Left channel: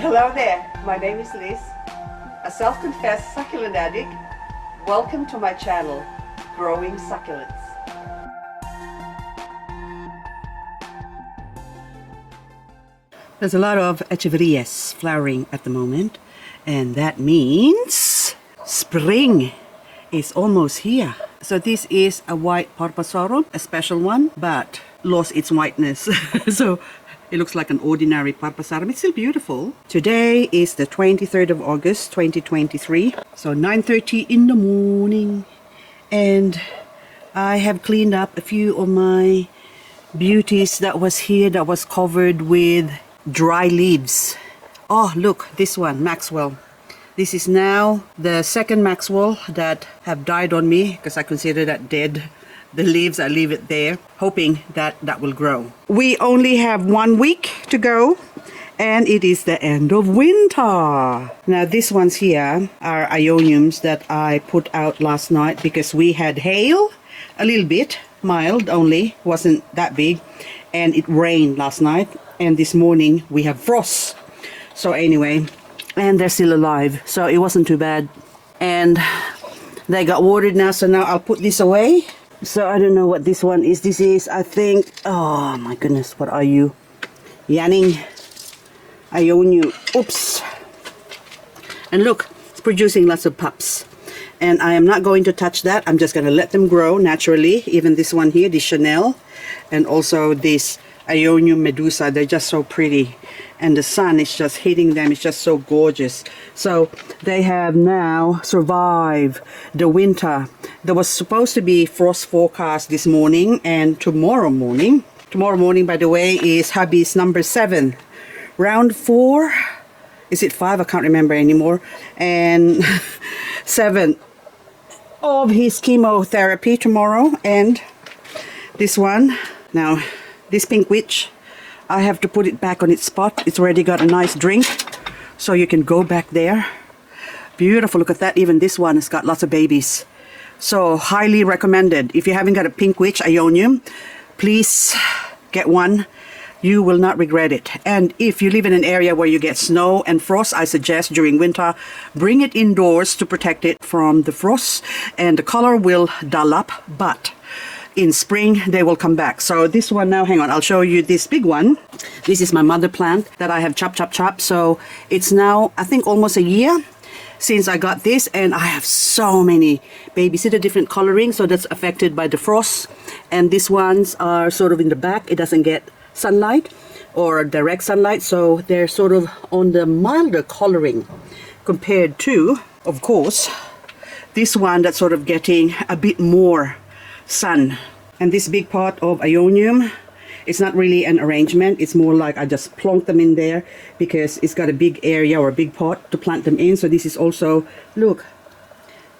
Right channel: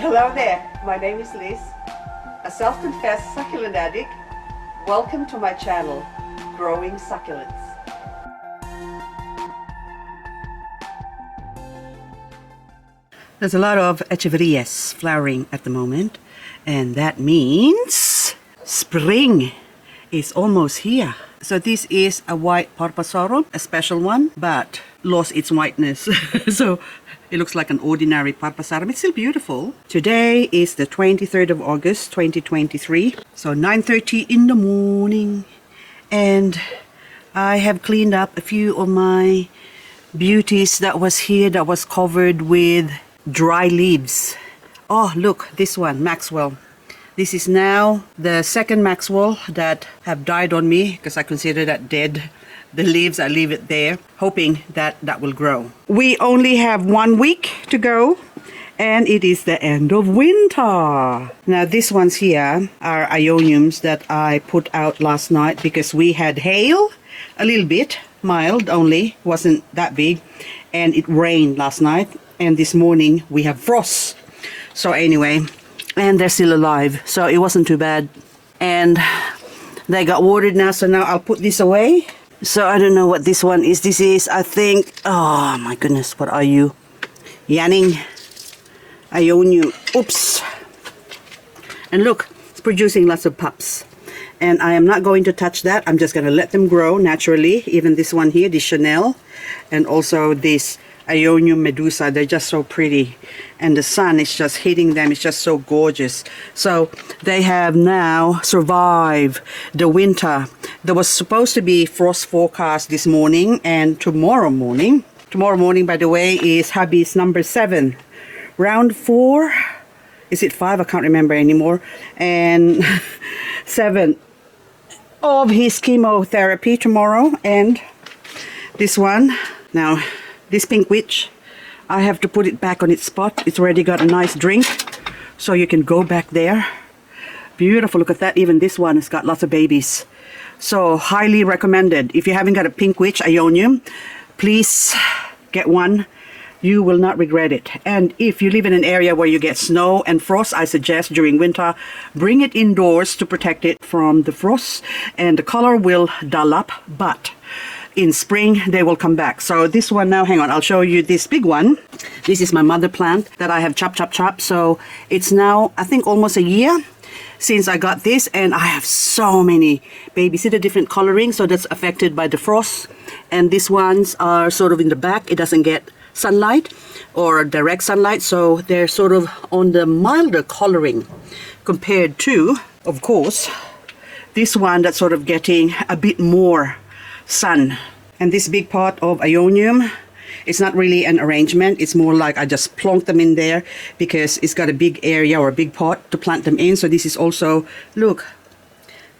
Hello there, my name is Liz, a self-confessed succulent addict. Welcome to my channel, Growing Succulents. There's a lot of echeverias flowering at the moment, and that means spring is almost here. So this is a white Parpasoro, a special one, but lost its whiteness. So it looks like an ordinary Parpasarum. It's still beautiful. Today is the 23rd of August, 2023. So 9:30 in the morning. And I have cleaned up a few of my beauties that was here that was covered with dry leaves. Oh, look, this one, Maxwell. This is now the second Maxwell that have died on me because I consider that dead. The leaves, I leave it there, hoping that that will grow. We only have 1 week to go, and it is the end of winter. Now, these ones here are Aeoniums that I put out last night because we had hail, a little bit, mild only, wasn't that big, and it rained last night, and this morning we have frost. So anyway, and they're still alive, so it wasn't too bad. And they got watered now, so now I'll put this away. So I don't know what this one is. This is, I think, oh my goodness, what are you? Yanning Aeonium. Oops. And look, it's producing lots of pups. And I am not going to touch that. I'm just going to let them grow naturally. Even this one here, this Chanel. And also this Aeonium Medusa. They're just so pretty. And the sun is just hitting them. It's just so gorgeous. So they have now survived the winter. There was supposed to be frost forecast this morning and tomorrow morning. Tomorrow morning, by the way, is hubby's number 7. Round 4. Is it 5? I can't remember anymore. And 7 of his chemotherapy tomorrow. And this one. Now, this pink witch, I have to put it back on its spot. It's already got a nice drink, so you can go back there. Beautiful, look at that. Even this one has got lots of babies. So highly recommended. If you haven't got a pink witch Aeonium, please get one. You will not regret it. And if you live in an area where you get snow and frost, I suggest during winter, bring it indoors to protect it from the frost. And the color will dull up, but in spring they will come back. So this one now, hang on, I'll show you this big one. This is my mother plant that I have chopped. So it's now, I think, almost a year since I got this, and I have so many babies. See the different coloring, so that's affected by the frost. And these ones are sort of in the back. It doesn't get sunlight or direct sunlight, so they're sort of on the milder coloring compared to, of course, this one that's sort of getting a bit more sun. And this big pot of Aeonium, it's not really an arrangement. It's more like I just plonk them in there because it's got a big area or a big pot to plant them in. So this is also, look,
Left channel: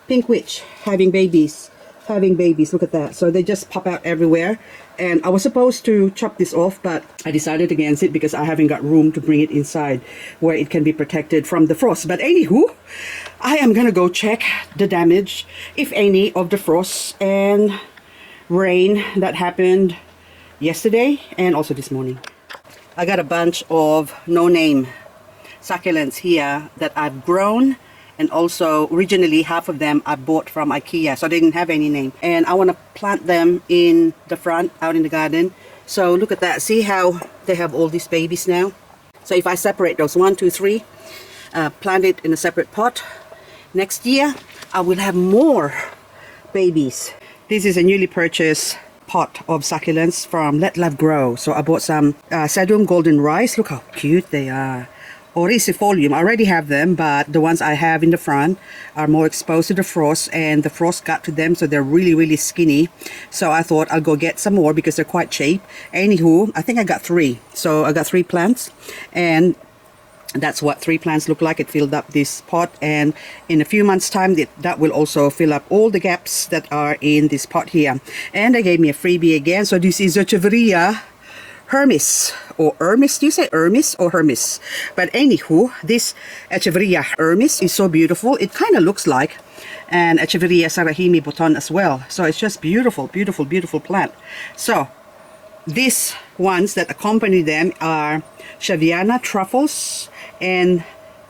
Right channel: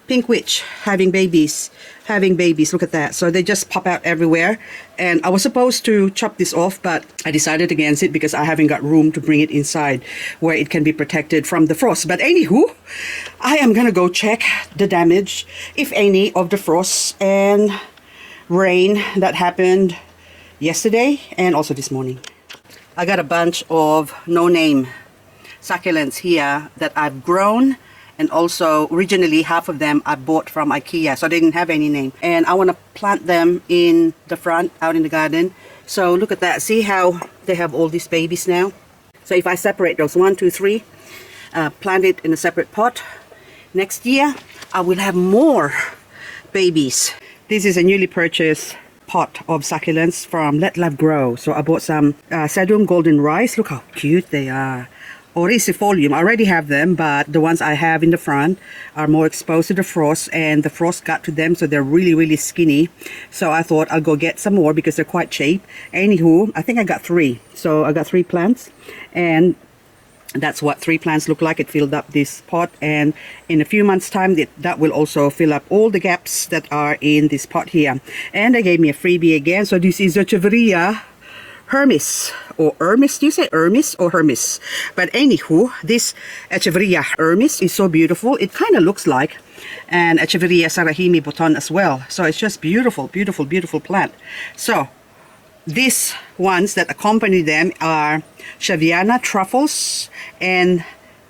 pink witch having babies. Look at that. So they just pop out everywhere. And I was supposed to chop this off, but I decided against it because I haven't got room to bring it inside where it can be protected from the frost. But anywho, I am gonna go check the damage, if any, of the frost and rain that happened yesterday and also this morning. I got a bunch of no-name succulents here that I've grown, and also originally half of them I bought from IKEA, so I didn't have any name, and I want to plant them in the front out in the garden. So look at that, see how they have all these babies now. So if I separate those 1, 2, 3, plant it in a separate pot, next year I will have more babies. This is a newly purchased pot of succulents from Let Love Grow. So I bought some Sedum Golden Rice. Look how cute they are. Oricifolium, I already have them, but the ones I have in the front are more exposed to the frost, and the frost got to them, so they're really skinny. So I thought I'll go get some more because they're quite cheap. Anywho, I think I got 3. So I got 3 plants, and that's what 3 plants look like. It filled up this pot, and in a few months time that will also fill up all the gaps that are in this pot here. And they gave me a freebie again. So this is Echeveria Hermes, or Hermes. Do you say Hermes or Hermes? But anywho, this Echeveria Hermes is so beautiful. It kind of looks like an Echeveria Sarahimi Bouton as well. So it's just beautiful plant. So this ones that accompany them are Shaviana truffles and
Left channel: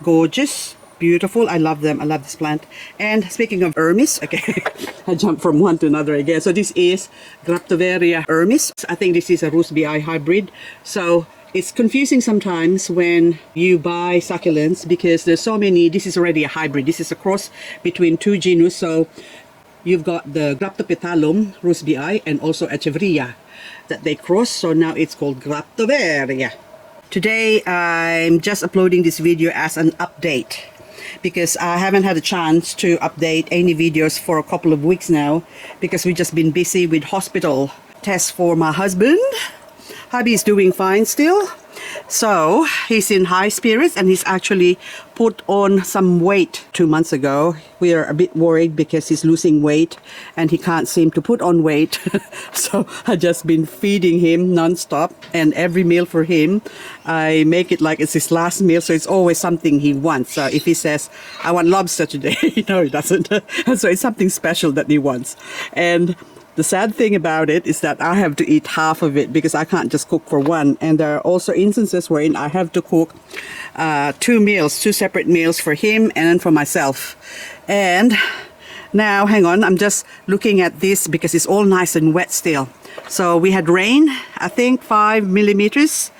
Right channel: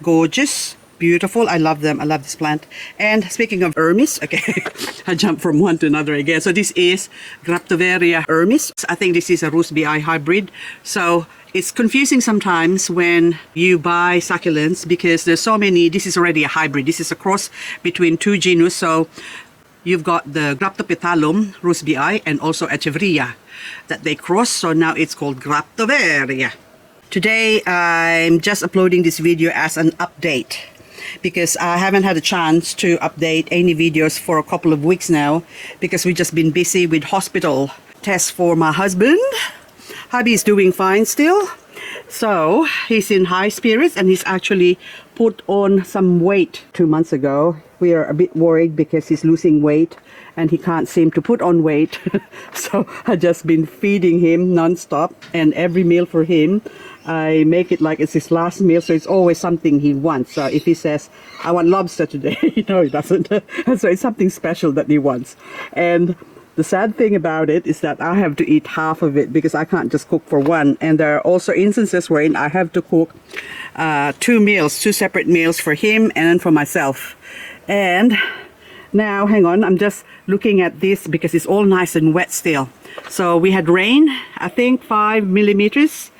gorgeous, beautiful. I love them. I love this plant. And speaking of Hermes, okay, I jumped from one to another again. So this is Graptoveria Hermes. I think this is a Rusbii hybrid. So it's confusing sometimes when you buy succulents because there's so many. This is already a hybrid. This is a cross between two genus. So you've got the Graptopetalum Rusbii and also Echeveria that they cross. So now it's called Graptoveria. Today I'm just uploading this video as an update because I haven't had a chance to update any videos for a couple of weeks now because we've just been busy with hospital tests for my husband. Hubby is doing fine still, so he's in high spirits and he's actually put on some weight 2 months ago. We are a bit worried because he's losing weight and he can't seem to put on weight. So I've just been feeding him non-stop, and every meal for him I make it like it's his last meal, so it's always something he wants. So if he says I want lobster today, no, he doesn't. And so it's something special that he wants. And the sad thing about it is that I have to eat half of it because I can't just cook for one. And there are also instances wherein I have to cook two separate meals for him and for myself. And now, hang on, I'm just looking at this because it's all nice and wet still. So we had rain, I think 5 millimeters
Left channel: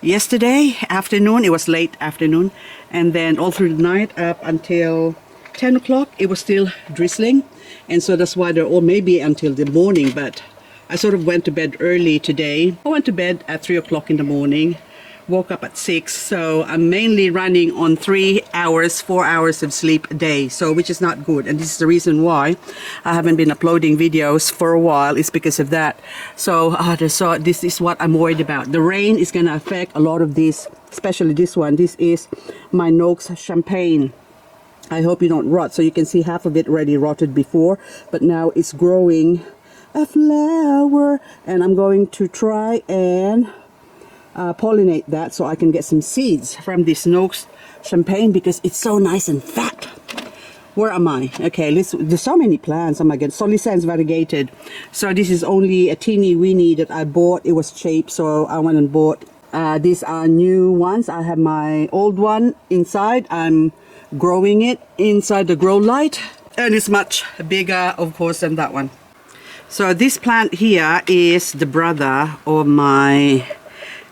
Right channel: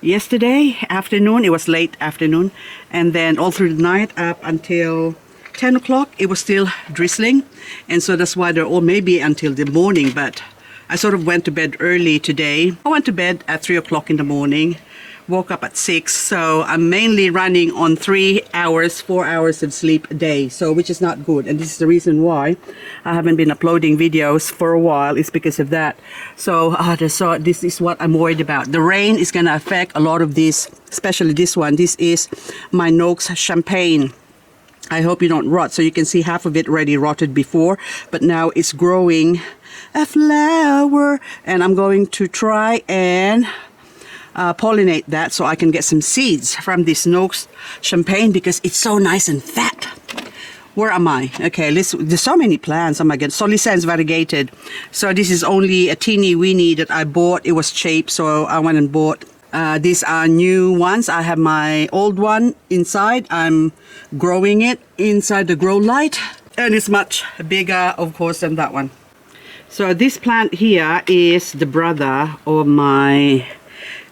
yesterday afternoon. It was late afternoon. And then all through the night up until 10 o'clock, it was still drizzling. And so that's why they're all maybe until the morning. But I sort of went to bed early today. I went to bed at 3 o'clock in the morning, woke up at 6. So I'm mainly running on 3 hours, 4 hours of sleep a day. So which is not good. And this is the reason why I haven't been uploading videos for a while. It's because of that. So this is what I'm worried about. The rain is going to affect a lot of these, especially this one. This is my Noakes Champagne. I hope you don't rot. So you can see half of it already rotted before, but now it's growing a flower, and I'm going to try and pollinate that so I can get some seeds from this Noakes Champagne because it's so nice and fat. Where am I? Okay, there's so many plants. Oh my god, Solicens variegated. So this is only a teeny weeny that I bought. It was cheap, so I went and bought. These are new ones. I have my old one inside. I'm growing it inside the grow light, and it's much bigger, of course, than that one. So this plant here is the brother of my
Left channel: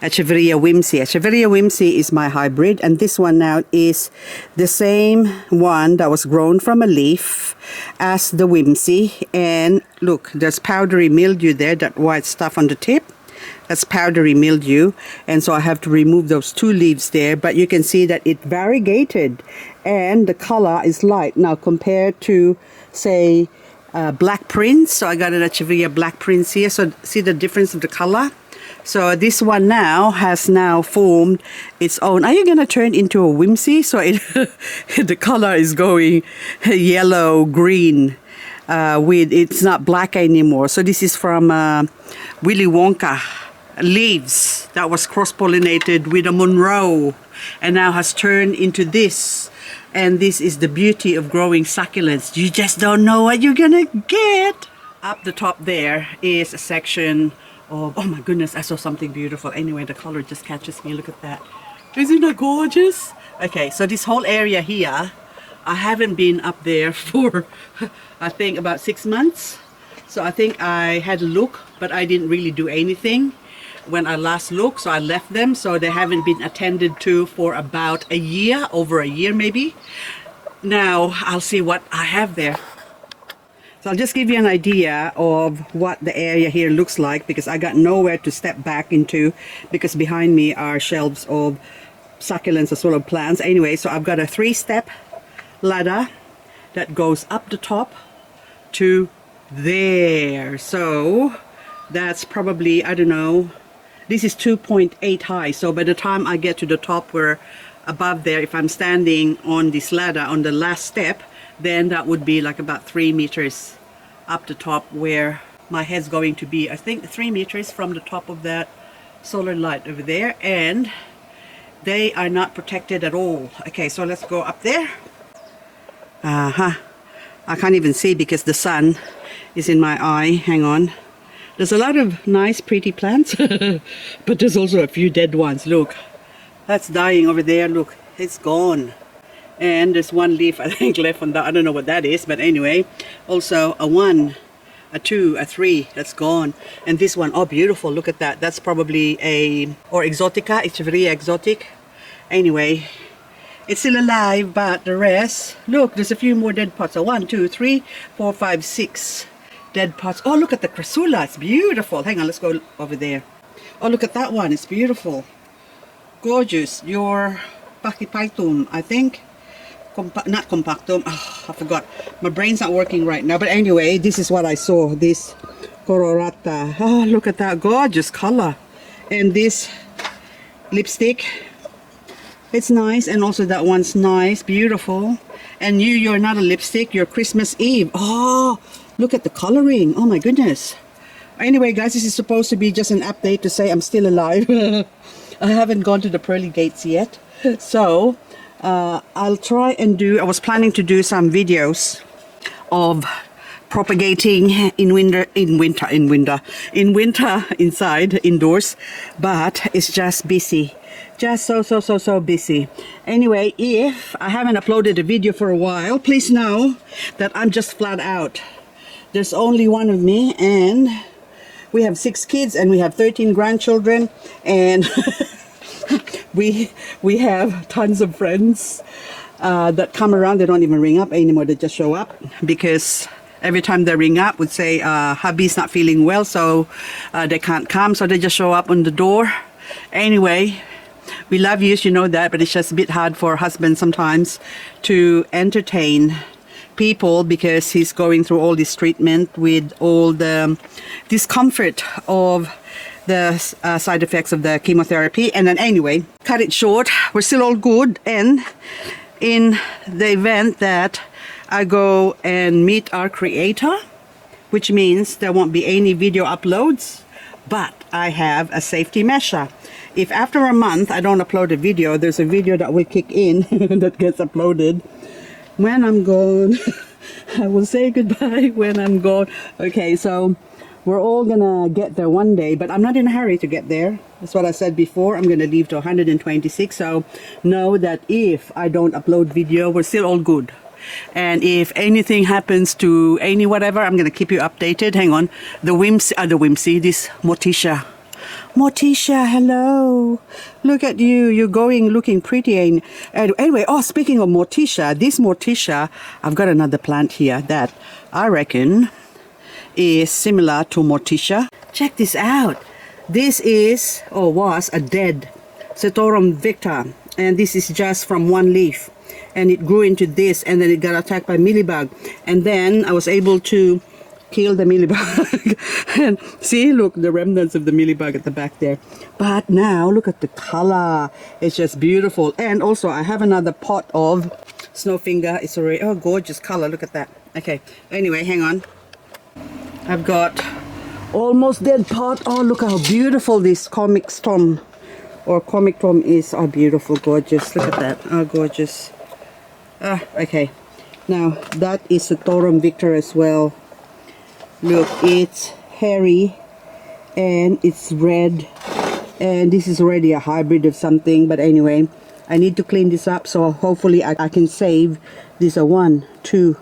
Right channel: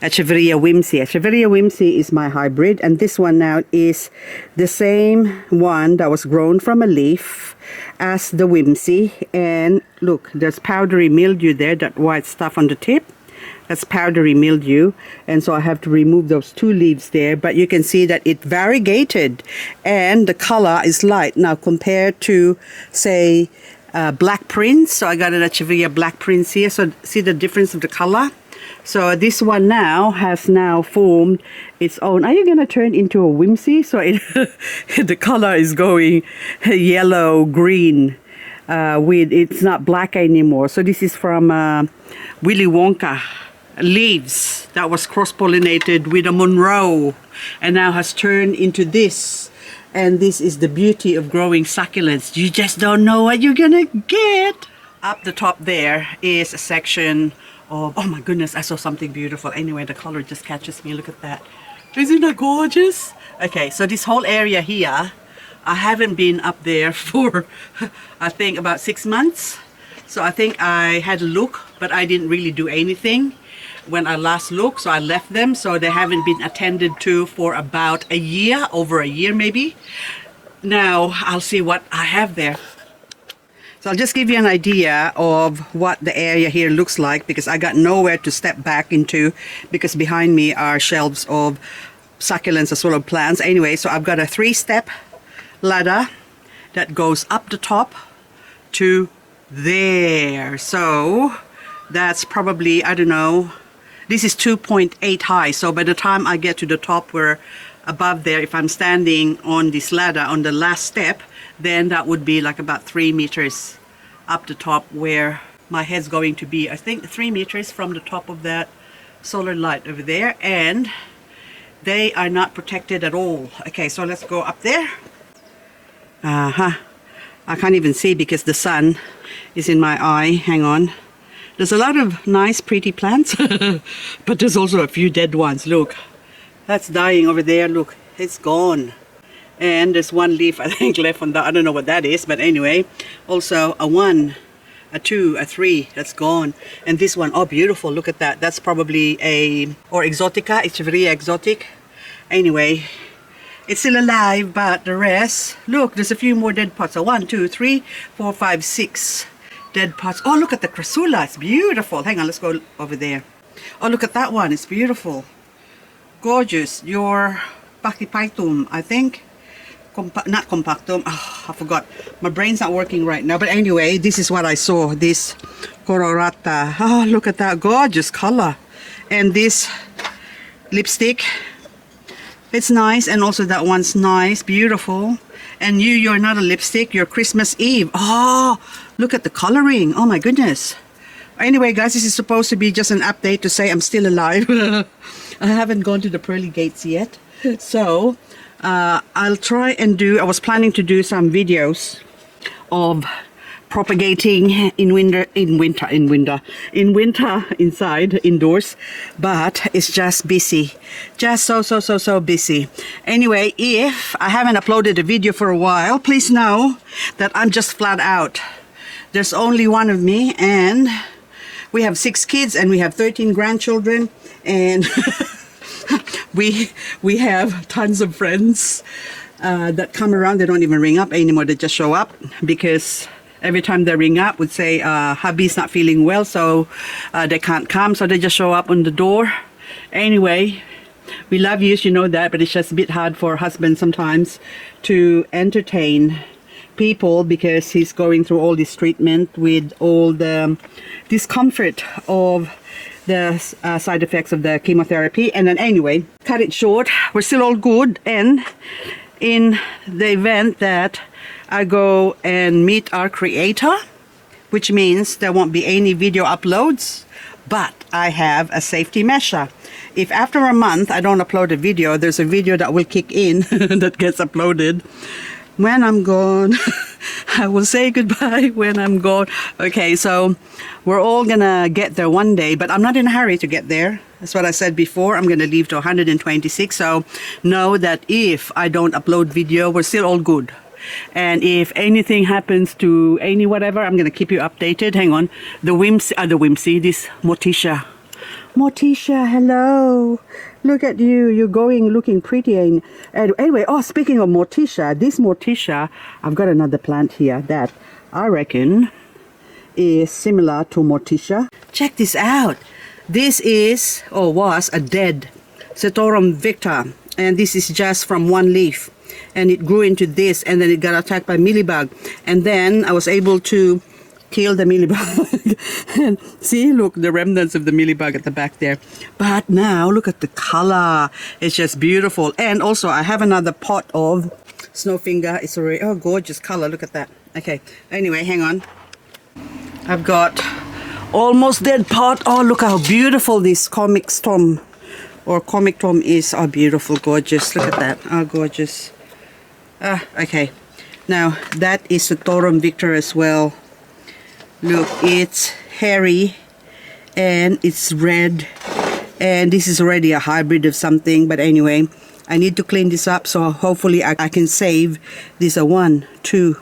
Echeveria Whimsy. Echeveria Whimsy is my hybrid, and this one now is the same one that was grown from a leaf as the Whimsy. And look, there's powdery mildew there, that white stuff on the tip. That's powdery mildew, and so I have to remove those two leaves there, but you can see that it variegated and the color is light now compared to, say, Black Prince. So I got an Echeveria Black Prince here, so see the difference of the color. So this one now has formed its own. Are you going to turn into a Whimsy? So the color is going yellow green. It's not black anymore. So this is from Willy Wonka leaves that was cross-pollinated with a Monroe and now has turned into this. And this is the beauty of growing succulents. You just don't know what you're gonna get. Up the top there is a section of, oh my goodness, I saw something beautiful. Anyway, the color just catches me. Look at that. Isn't that gorgeous? Okay, so this whole area here, I haven't been up there for I think about 6 months. So I think I had a look, but I didn't really do anything when I last looked, so I left them. So they haven't been attended to for about a year, over a year maybe. Now I'll see what I have there. So I'll just give you an idea of what the area here looks like because I got nowhere to step back into because behind me are shelves of succulents as well as plants. Anyway, so I've got a 3-step ladder that goes up the top to there. So that's probably, I don't know, this is 2.8 high. So by the time I get to the top, we're above there. If I'm standing on this ladder on the last step, then that would be like about 3 meters up the top where my head's going to be. I think 3 meters from the top of that solar light over there, and they are not protected at all. Okay, so let's go up there. I can't even see because the sun is in my eye. Hang on. There's a lot of nice, pretty plants, but there's also a few dead ones. Look, that's dying over there. Look, it's gone. And there's one leaf, I think, left on that. I don't know what that is, but anyway. Also, a 1, a 2, a 3, that's gone. And this one, oh, beautiful. Look at that. That's probably or exotica. Echeveria exotic. Anyway, it's still alive, but the rest, look, there's a few more dead pots. So 1, 2, 3, 4, 5, 6 dead pots. Oh, look at the crassula. It's beautiful. Hang on, let's go over there. Oh, look at that one. It's beautiful. Gorgeous. Your pachyphytum, I think. Not compactum. Oh, I forgot. My brain's not working right now. But anyway, this is what I saw. This colorata. Oh, look at that gorgeous color. And this lipstick. It's nice. And also that one's nice. Beautiful. And you're not a lipstick. You're Christmas Eve. Oh, look at the coloring. Oh my goodness. Anyway, guys, this is supposed to be just an update to say I'm still alive. I haven't gone to the pearly gates yet. So I'll try and I was planning to do some videos of propagating in winter inside, indoors, but it's just busy, just so busy. Anyway, if I haven't uploaded a video for a while, please know that I'm just flat out. There's only one of me, and we have 6 kids and we have 13 grandchildren, and we have tons of friends that come around. They don't even ring up anymore, they just show up, because every time they ring up would say hubby's not feeling well, so they can't come, so they just show up on the door. Anyway, we love you, you know that, but it's just a bit hard for husband sometimes to entertain people, because he's going through all this treatment with all the discomfort of the side effects of the chemotherapy. And then anyway, cut it short, we're still all good. And in the event that I go and meet our creator, which means there won't be any video uploads, but I have a safety measure. If after a month I don't upload a video, there's a video that will kick in that gets uploaded when I'm gone. I will say goodbye when I'm gone. Okay, so we're all gonna get there one day, but I'm not in a hurry to get there. That's what I said before. I'm gonna leave to 126, so know that if I don't upload video, we're still all good. And if anything happens to any whatever, I'm gonna keep you updated. Hang on. The Whimsy, this Morticia. Morticia, hello. Look at you. You're looking pretty. And anyway, oh, speaking of Morticia, this Morticia, I've got another plant here that I reckon is similar to Morticia. Check this out. This is, or was, a dead Setorum victor. And this is just from one leaf. And it grew into this, and then it got attacked by mealybug. And then I was able to kill the mealybug. And see, look, the remnants of the mealybug at the back there. But now look at the color. It's just beautiful. And also I have another pot of snowfinger. It's already, oh, gorgeous color. Look at that. Okay, anyway, hang on. I've got almost dead pot. Oh, look how beautiful this comic tom is. Oh, beautiful, gorgeous. Look at that. Oh, gorgeous. Okay. Now that is the Torum Victor as well. Look, it's hairy and it's red, and this is already a hybrid of something, but anyway, I need to clean this up, so hopefully I can save this. 1, 2,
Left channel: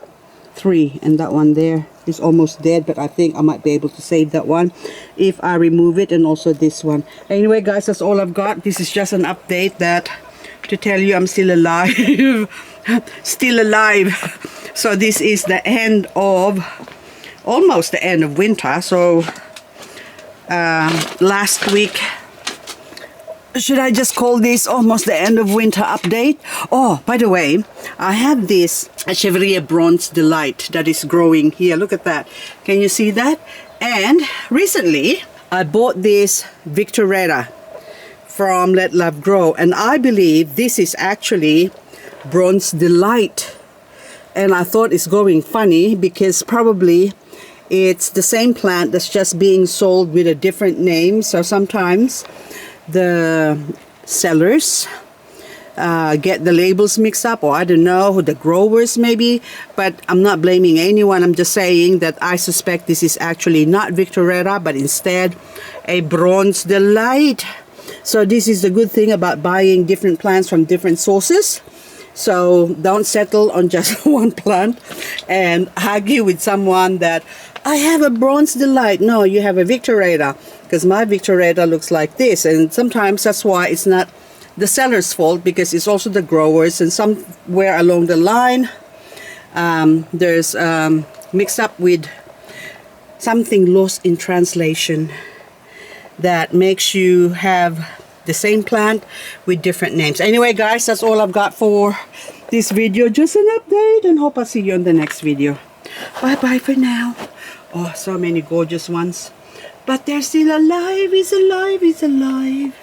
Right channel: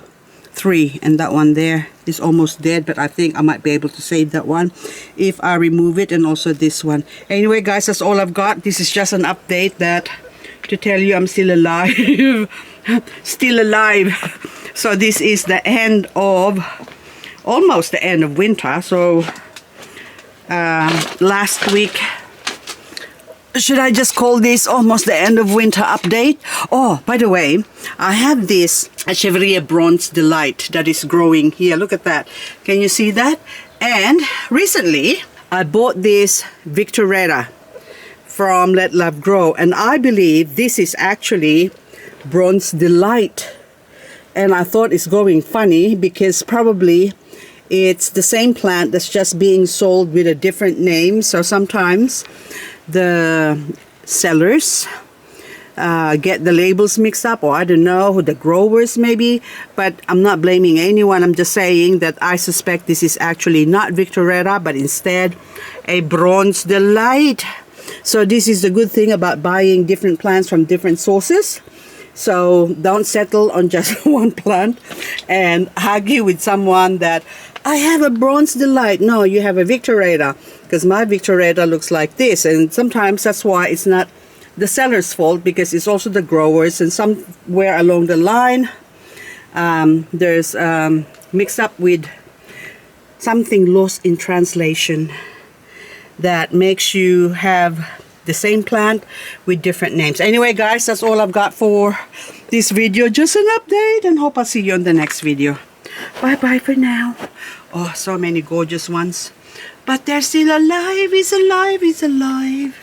3, and that one there is almost dead, but I think I might be able to save that one if I remove it, and also this one. Anyway, guys, that's all I've got. This is just an update to tell you I'm still alive. Still alive. So this is the end of, almost the end of winter. So last week, should I just call this almost the end of winter update? Oh, by the way, I have this Echeveria Bronze Delight that is growing here. Look at that. Can you see that? And recently I bought this Victoretta from Let Love Grow, and I believe this is actually Bronze Delight. And I thought it's going funny because probably it's the same plant that's just being sold with a different name. So sometimes the sellers get the labels mixed up, or I don't know, who the growers maybe, but I'm not blaming anyone. I'm just saying that I suspect this is actually not Victoretta, but instead a Bronze Delight. So this is the good thing about buying different plants from different sources. So don't settle on just one plant and argue with someone that I have a Bronze Delight. No, you have a Victoretta, because my Victoretta looks like this. And sometimes that's why it's not the seller's fault, because it's also the growers, and somewhere along the line there's mixed up with something lost in translation that makes you have the same plant with different names. Anyway guys, that's all I've got for this video. Just an update, and hope I'll see you on the next video. Bye bye for now. Oh, so many gorgeous ones, but they're still alive. It's alive, it's alive.